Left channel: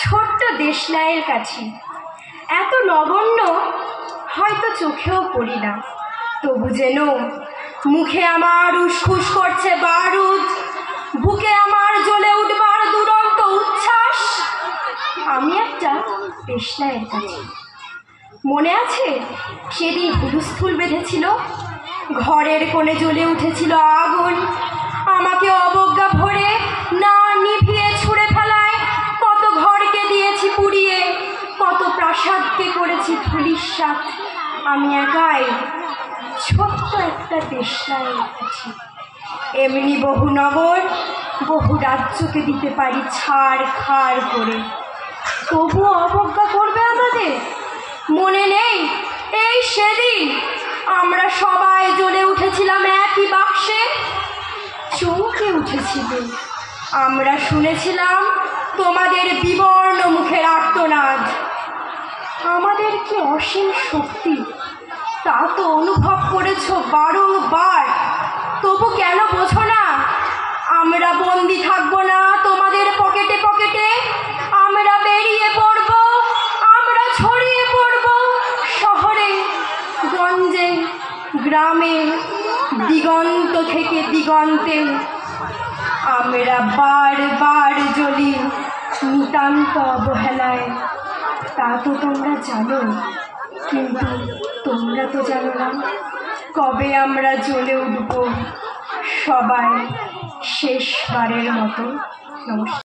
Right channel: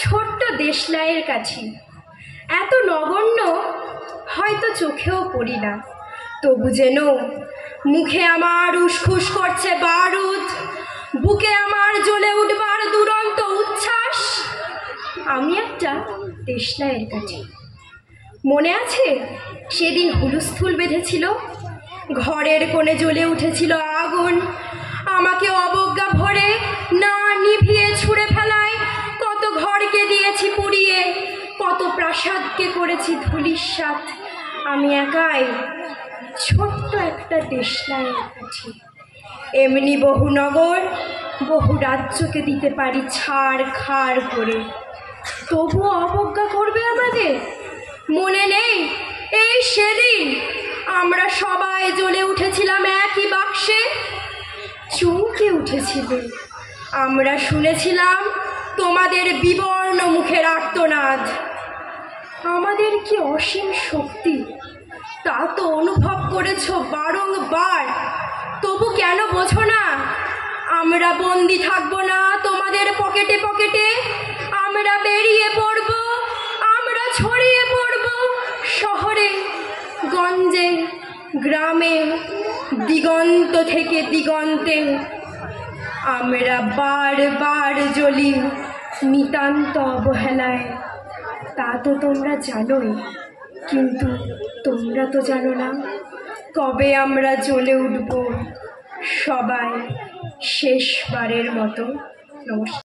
ছোট্ট দেশলাইয়ের কাছে, এত নগণ্য হয়তো চোখেও পড়ি না, তবু যেন মুখে আমার উসখুস করছে বারুদ, বুকে আমার জ্বলে উঠবার দুরন্ত উচ্ছ্বাস। আমি একটা দেশলাইয়ের কাছে। মনে আছে সেদিন হুলস্থুল বেঁধেছিল, ঘরের কোণে জ্বলে উঠেছিল আগুন, আমাকে অবজ্ঞা ভরে না নিভিয়ে ছুঁড়ে ফেলায় কত ঘরকে দিয়েছি পুড়িয়ে, কত প্রাসাদকে করেছি ধূলিসাৎ। আমি একাই ছোট্ট একটা দেশলাইয়ের কাছে। এমনি বহু নগর বহু রাজ্যকে দিতে পারি ছাড় খাড় করে, তবুও অবজ্ঞা করবে আমাদের? মনে নেই এই সেদিন আমরা সবাই জ্বলে উঠেছিলাম একই বাক্সে, চমকে উঠেছিল। আমরা শুনেছিলাম তোমাদের বিবর্ণ মুখের আর্তনাদ। আমাদের কি অসীম শক্তি তা তো অনুভব করেছ বারংবার, তবু কেন বোঝো না? আমরা বন্দি থাকবো না তোমাদের পকেটে পকেটে, আমরা বেরিয়ে পড়ব, আমরা ছড়িয়ে পড়ব শহরে গঞ্জে গ্রামে, দিগন্ত থেকে দিগন্তে। আমরা বারবার জ্বলি নিতান্ত অবহেলায়, তা তো তোমরা জানোই, কিন্তু তোমরা তো জানো না কবে আমরা জ্বলে উঠব সবাই শেষবারের মতো। নমস্কার।